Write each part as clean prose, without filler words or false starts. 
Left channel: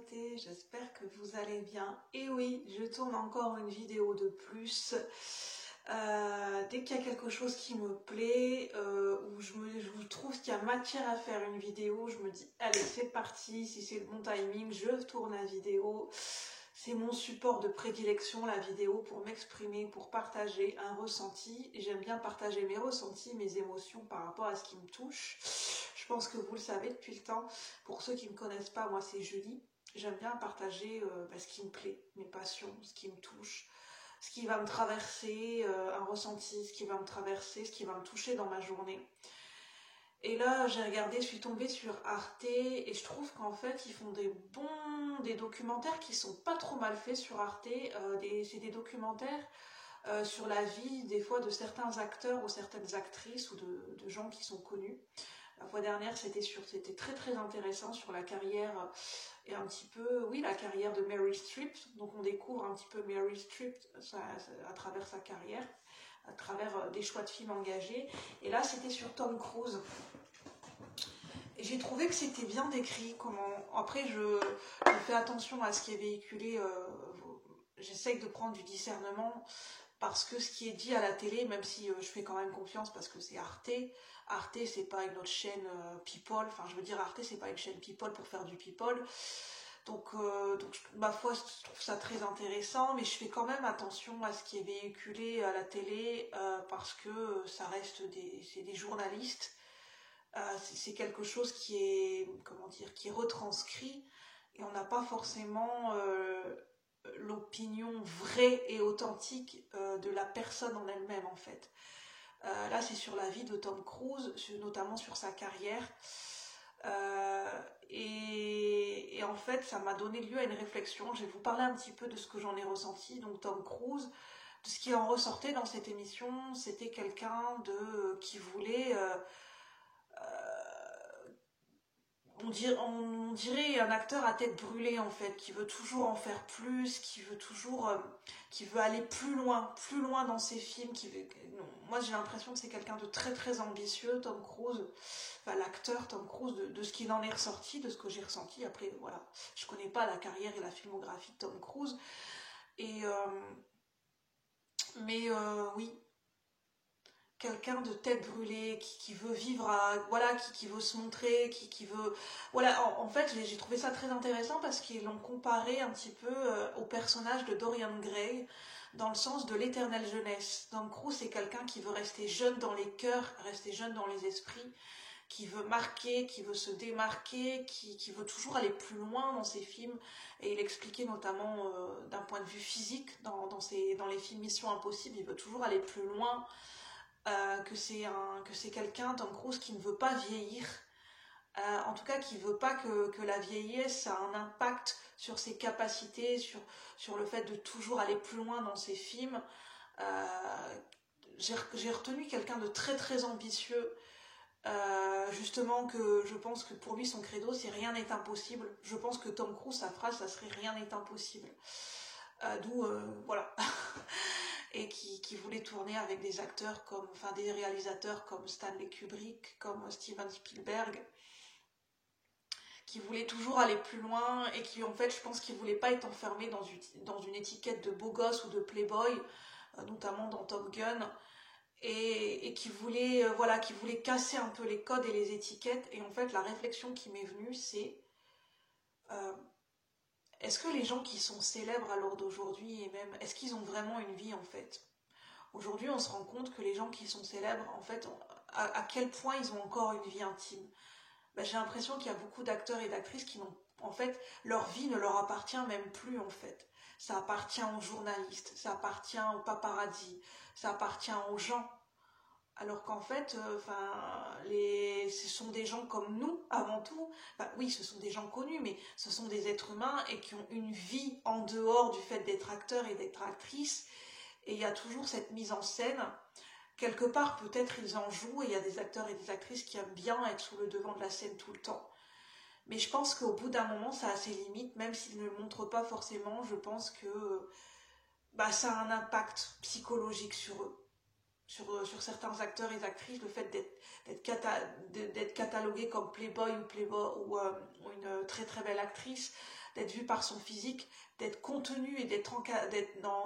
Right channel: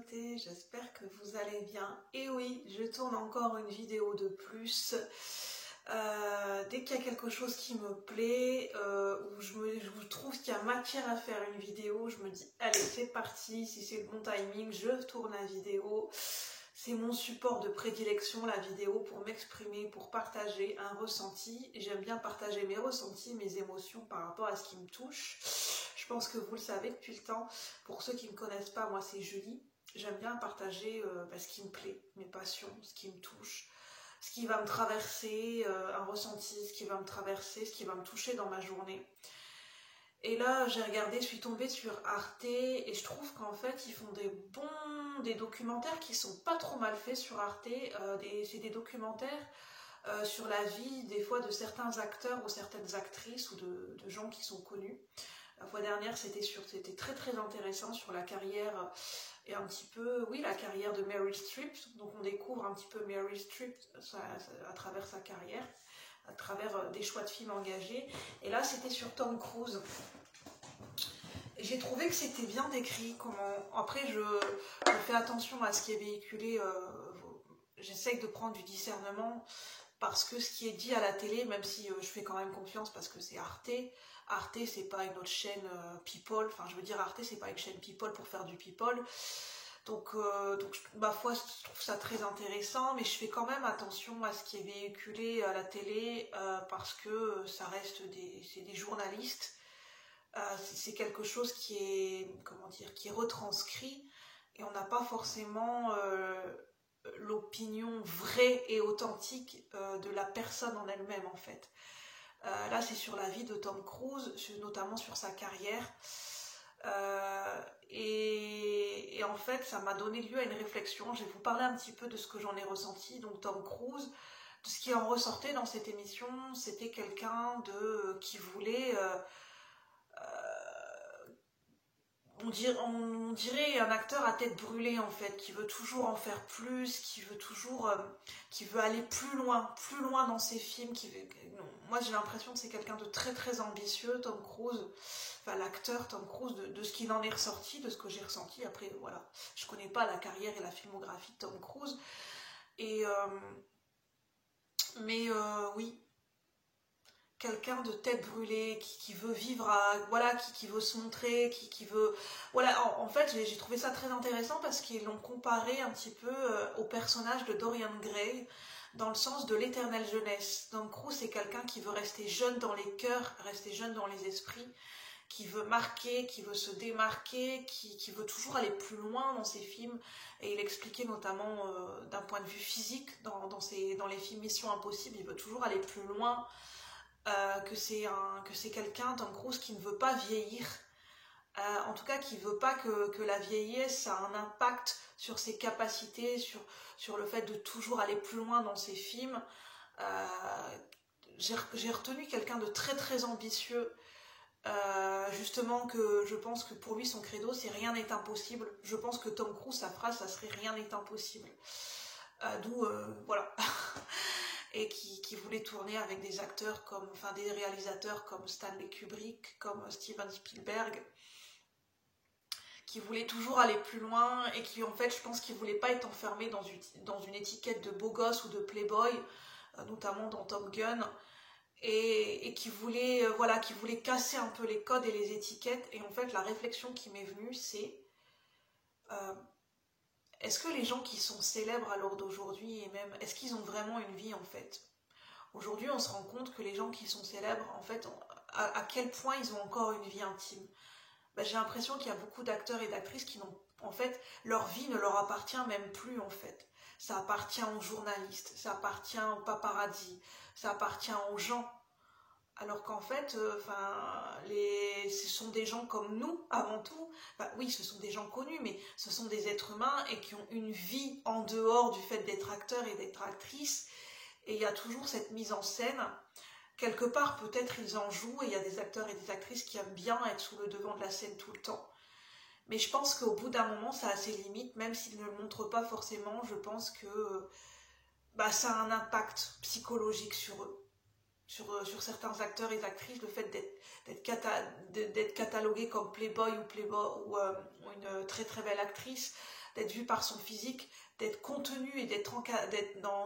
communauté, j'espère que vous allez bien. Et oui, je tourne encore une vidéo de plus. Dès qu'il y a quelque chose qui me plaît, où je trouve qu'il y a matière à faire une vidéo, je me dis, allez, c'est parti, si c'est le bon timing, je tourne la vidéo. C'est mon support de prédilection, la vidéo, pour m'exprimer, pour partager un ressenti. Et j'aime bien partager mes ressentis, mes émotions par rapport à ce qui me touche. Je pense que vous le savez depuis le temps. Pour ceux qui ne me connaissent pas, moi c'est Julie. J'aime bien partager ce qui me plaît, mes passions, ce qui me touche, ce qui va me traverser, un ressenti, ce qui va me traverser, ce qui va me toucher dans ma journée. Et là, j'ai regardé, je suis tombée sur Arte et je trouve qu'en fait, ils font des documentaires qui sont pas trop mal faits sur Arte. C'est des documentaires sur la vie, des fois, de certains acteurs ou certaines actrices ou de gens qui sont connus. La fois dernière, c'était très très intéressant sur la carrière et un petit peu, oui, la carrière de Meryl Streep. Donc on découvre un petit peu Meryl Streep à travers sa carrière, à travers des choix de films engagés. Et là, c'était sur Tom Cruise. J'ai trouvé que c'était bien décrit. Après, je fais attention à ce qui est véhiculé. J'essaye de prendre du discernement parce que ce qui est dit à la télé, même si je fais quand même confiance parce que c'est Arte. Arte, c'est pas une autre chaîne People. Enfin, je veux dire, Arte, c'est pas une chaîne People pour faire du People. Donc, ma foi, je trouve ça très intéressant, mais je fais quand même attention à ce qui est véhiculé à la télé parce que ça reste c'est des journalistes. C'est quelque chose qui est, qui est retranscrit et on n'a pas forcément l'opinion vraie et authentique de la personne en elle-même en fait. Là, c'est sur la vie de Tom Cruise, notamment sur sa carrière. Et en fait, ça m'a donné lieu à une réflexion. Je vais vous parler un petit peu de ce que j'en ai ressenti. Donc Tom Cruise, de ce qui en ressortait dans cette émission, c'était quelqu'un qui voulait... on dirait un acteur à tête brûlée en fait, qui veut toujours en faire plus, qui veut aller plus loin dans ses films. Moi j'ai l'impression que c'est quelqu'un de très très ambitieux, Tom Cruise, enfin l'acteur Tom Cruise, de ce qu'il en est ressorti, de ce que j'ai ressenti. Après voilà, je connais pas la carrière et la filmographie de Tom Cruise, oui. Quelqu'un de tête brûlée, qui veut vivre qui veut se montrer, qui veut... Voilà, en fait, j'ai trouvé ça très intéressant parce qu'ils l'ont comparé un petit peu au personnage de Dorian Gray, dans le sens de l'éternelle jeunesse. Tom Cruise, c'est quelqu'un qui veut rester jeune dans les cœurs, rester jeune dans les esprits, qui veut marquer, qui veut se démarquer, qui veut toujours aller plus loin dans ses films. Et il expliquait notamment d'un point de vue physique, dans les films Mission Impossible, il veut toujours aller plus loin. Que c'est quelqu'un, Tom Cruise, qui ne veut pas vieillir, en tout cas qui ne veut pas que la vieillesse a un impact sur ses capacités, sur le fait de toujours aller plus loin dans ses films. J'ai retenu quelqu'un de très très ambitieux, justement, que je pense que pour lui son credo c'est rien n'est impossible. Je pense que Tom Cruise, sa phrase, ça serait rien n'est impossible. D'où voilà. Et qui voulait tourner avec des acteurs des réalisateurs comme Stanley Kubrick, comme Steven Spielberg, qui voulaient toujours aller plus loin et qui, en fait, je pense qu'ils ne voulaient pas être enfermés dans une étiquette de beau gosse ou de playboy, notamment dans Top Gun, et qui voulaient casser un peu les codes et les étiquettes. Et en fait, la réflexion qui m'est venue, c'est... est-ce que les gens qui sont célèbres à l'heure d'aujourd'hui, et même, est-ce qu'ils ont vraiment une vie en fait? Aujourd'hui, on se rend compte que les gens qui sont célèbres, en fait, à quel point ils ont encore une vie intime. J'ai l'impression qu'il y a beaucoup d'acteurs et d'actrices qui n'ont, en fait, leur vie ne leur appartient même plus en fait. Ça appartient aux journalistes, ça appartient aux paparazzi, ça appartient aux gens. Alors qu'en fait, ce sont des gens comme nous, avant tout. Oui, ce sont des gens connus, mais ce sont des êtres humains et qui ont une vie en dehors du fait d'être acteurs et d'être actrices. Et il y a toujours cette mise en scène. Quelque part, peut-être ils en jouent et il y a des acteurs et des actrices qui aiment bien être sous le devant de la scène tout le temps. Mais je pense qu'au bout d'un moment, ça a ses limites, même s'ils ne le montrent pas forcément. Je pense que ça a un impact psychologique sur eux. sur certains acteurs et actrices, le fait d'être catalogué comme playboy ou une très très belle actrice, d'être vue par son physique, d'être contenu et d'être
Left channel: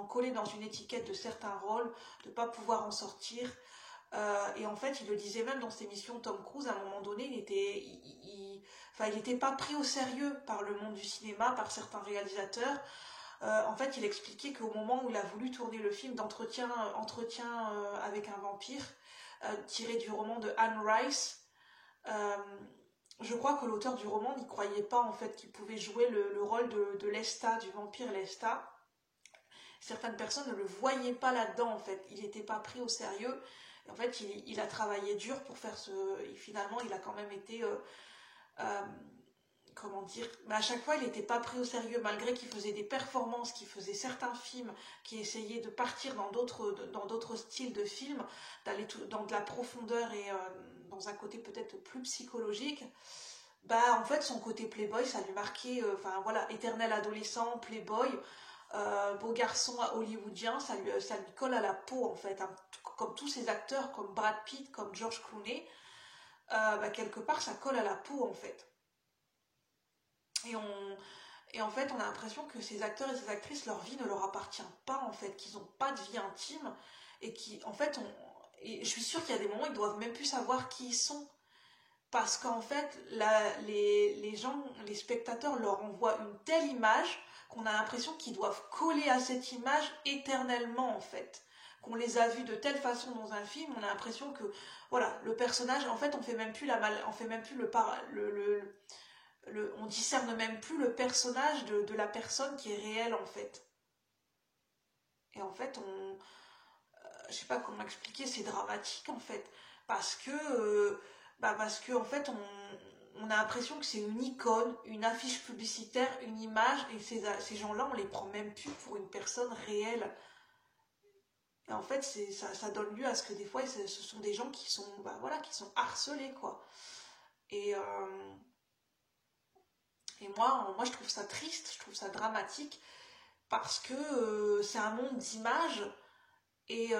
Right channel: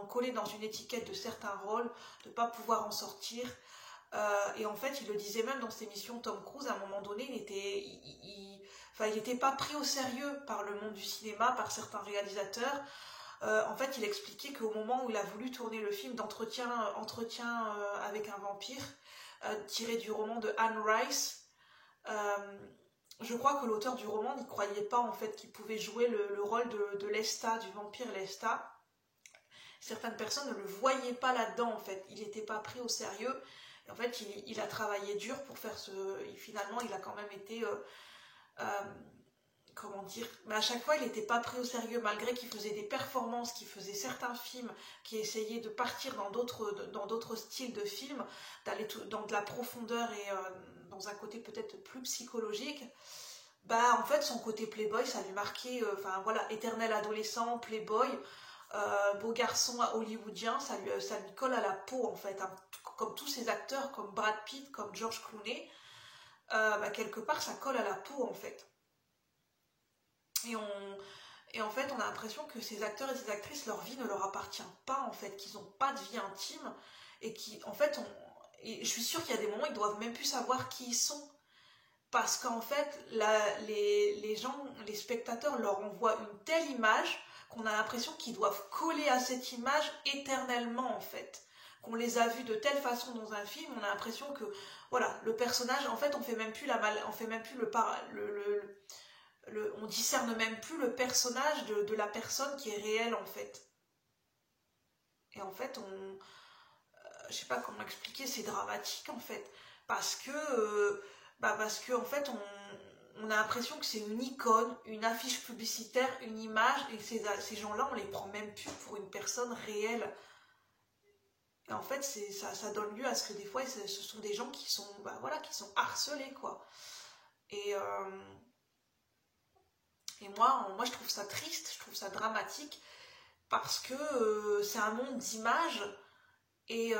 collé dans une étiquette de certains rôles, de ne pas pouvoir en sortir. Et en fait, il le disait même dans ses émissions, Tom Cruise, à un moment donné, il n'était pas pris au sérieux par le monde du cinéma, par certains réalisateurs. En fait, il expliquait qu'au moment où il a voulu tourner le film d'entretien avec un vampire, tiré du roman de Anne Rice, je crois que l'auteur du roman n'y croyait pas en fait qu'il pouvait jouer le rôle de Lestat, du vampire Lestat. Certaines personnes ne le voyaient pas là-dedans en fait, il n'était pas pris au sérieux. Et en fait, il a travaillé dur pour faire finalement, il a quand même été... comment dire, mais à chaque fois il n'était pas pris au sérieux malgré qu'il faisait des performances, qu'il faisait certains films qui essayaient de partir dans d'autres styles de films, d'aller dans de la profondeur et dans un côté peut-être plus psychologique. Bah en fait son côté playboy ça lui marquait, enfin voilà, éternel adolescent, playboy, beau garçon hollywoodien, ça lui colle à la peau en fait, hein, comme tous ces acteurs comme Brad Pitt, comme George Clooney, bah, quelque part ça colle à la peau en fait. Et en fait, on a l'impression que ces acteurs et ces actrices, leur vie ne leur appartient pas, en fait, qu'ils n'ont pas de vie intime, et en fait, et je suis sûre qu'il y a des moments où ils doivent même plus savoir qui ils sont, parce qu'en fait, les gens, les spectateurs leur envoient une telle image qu'on a l'impression qu'ils doivent coller à cette image éternellement, en fait. Qu'on les a vus de telle façon dans un film, on a l'impression que, voilà, le personnage, en fait, on fait même plus on discerne même plus le personnage de la personne qui est réelle en fait. Et en fait, je sais pas comment expliquer, c'est dramatique en fait, parce que en fait, on a l'impression que c'est une icône, une affiche publicitaire, une image, et ces gens-là, on les prend même plus pour une personne réelle. Et en fait, ça donne lieu à ce que des fois, ce sont des gens qui sont, qui sont harcelés quoi. Et moi, je trouve ça triste, je trouve ça dramatique, parce que c'est un monde d'images, et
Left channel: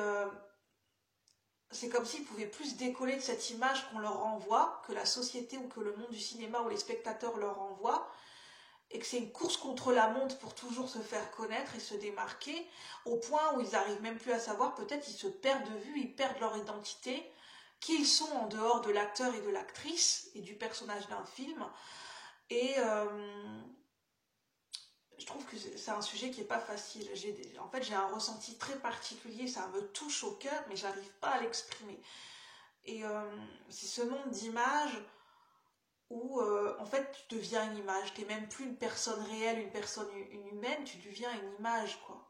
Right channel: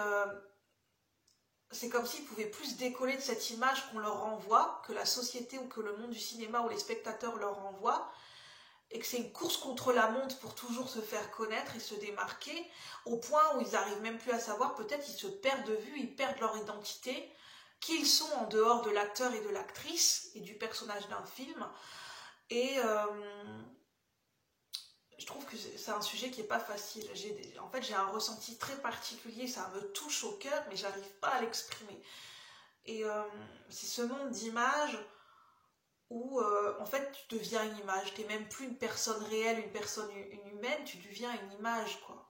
c'est comme s'ils pouvaient plus décoller de cette image qu'on leur renvoie, que la société ou que le monde du cinéma ou les spectateurs leur renvoient, et que c'est une course contre la montre pour toujours se faire connaître et se démarquer, au point où ils n'arrivent même plus à savoir, peut-être ils se perdent de vue, ils perdent leur identité, qui ils sont en dehors de l'acteur et de l'actrice, et du personnage d'un film. Et je trouve que c'est un sujet qui n'est pas facile. En fait, j'ai un ressenti très particulier, ça me touche au cœur, mais j'arrive pas à l'exprimer. Et c'est ce monde d'images où, en fait, tu deviens une image. Tu n'es même plus une personne réelle, une humaine, tu deviens une image, quoi.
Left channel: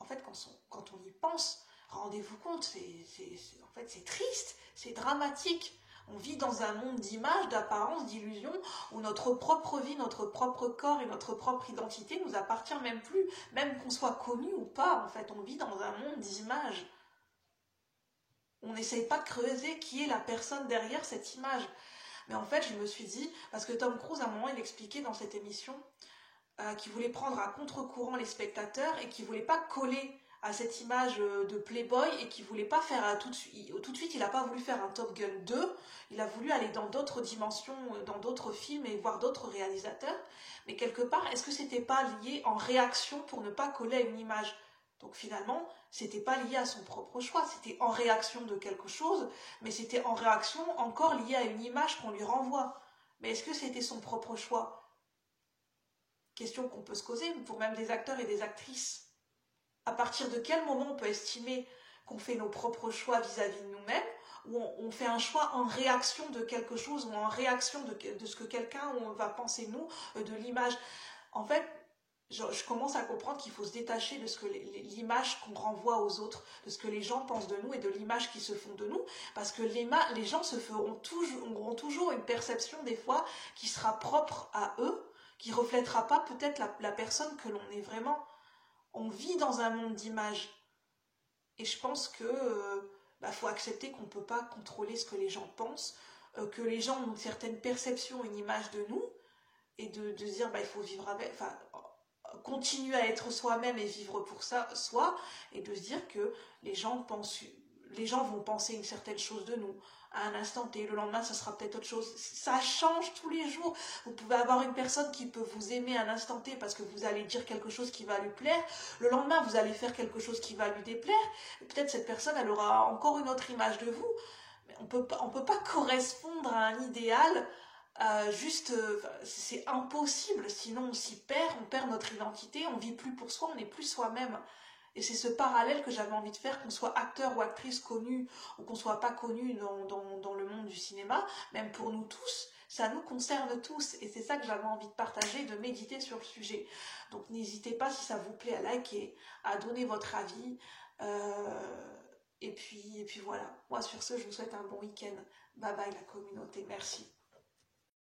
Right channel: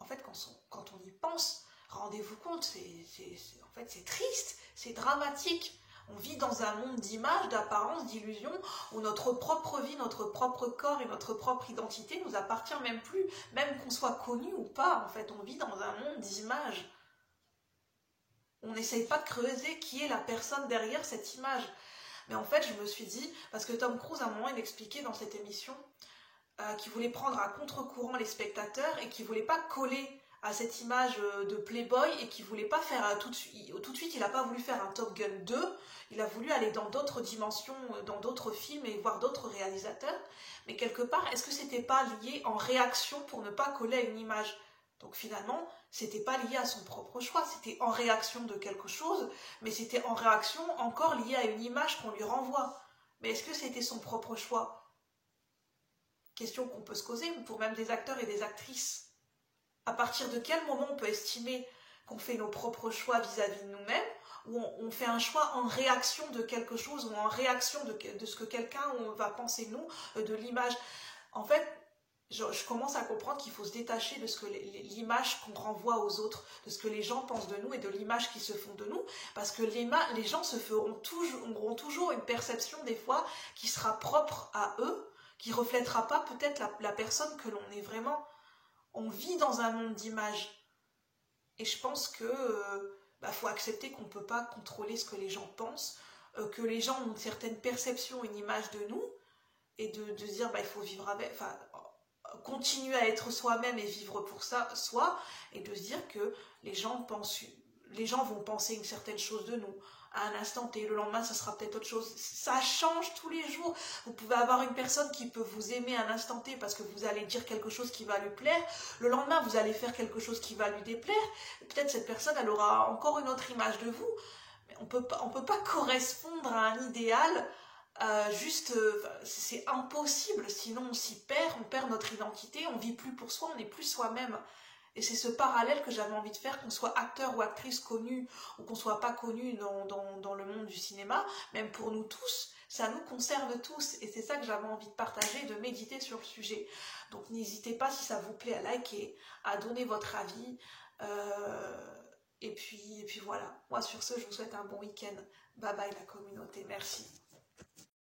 En fait, quand on y pense, rendez-vous compte, en fait, c'est triste, c'est dramatique. On vit dans un monde d'images, d'apparences, d'illusions, où notre propre vie, notre propre corps et notre propre identité nous appartient même plus, même qu'on soit connu ou pas. En fait, on vit dans un monde d'images. On n'essaye pas de creuser qui est la personne derrière cette image. Mais en fait, je me suis dit, parce que Tom Cruise, à un moment, il expliquait dans cette émission qu'il voulait prendre à contre-courant les spectateurs et qu'il ne voulait pas coller à cette image de Playboy et qui voulait pas faire tout de suite, il n'a pas voulu faire un Top Gun 2, il a voulu aller dans d'autres dimensions, dans d'autres films et voir d'autres réalisateurs, mais quelque part, est-ce que c'était pas lié en réaction pour ne pas coller à une image? Donc finalement, c'était pas lié à son propre choix, c'était en réaction de quelque chose, mais c'était en réaction encore lié à une image qu'on lui renvoie. Mais est-ce que c'était son propre choix? Question qu'on peut se poser pour même des acteurs et des actrices. À partir de quel moment on peut estimer qu'on fait nos propres choix vis-à-vis de nous-mêmes, ou on fait un choix en réaction de quelque chose, ou en réaction de ce que quelqu'un va penser de nous, de l'image. En fait, je commence à comprendre qu'il faut se détacher de l'image qu'on renvoie aux autres, de ce que les gens pensent de nous et de l'image qu'ils se font de nous, parce que les gens auront toujours une perception des fois qui sera propre à eux, qui ne reflètera pas peut-être la personne que l'on est vraiment. On vit dans un monde d'images. Et je pense que faut accepter qu'on ne peut pas contrôler ce que les gens pensent, que les gens ont une certaine perception, une image de nous, et de dire il faut vivre avec, continuer à être soi-même et vivre pour ça, soi, et de se dire que les gens pensent les gens vont penser une certaine chose de nous à un instant T, le lendemain ça sera peut-être autre chose, ça change tous les jours. Vous pouvez avoir une personne qui peut vous aimer à un instant T parce que vous allez dire quelque chose qui va lui plaire, le lendemain vous allez faire quelque chose qui va lui déplaire, peut-être cette personne elle aura encore une autre image de vous, mais on peut pas correspondre à un idéal, c'est impossible, sinon on perd notre identité, on vit plus pour soi, on n'est plus soi-même. Et c'est ce parallèle que j'avais envie de faire, qu'on soit acteur ou actrice connu ou qu'on soit pas connu dans le monde du cinéma, même pour nous tous, ça nous conserve tous. Et c'est ça que j'avais envie de partager, de méditer sur le sujet. Donc n'hésitez pas, si ça vous plaît, à liker, à donner votre avis. Et puis voilà. Moi sur ce, je vous souhaite un bon week-end. Bye bye la communauté, merci.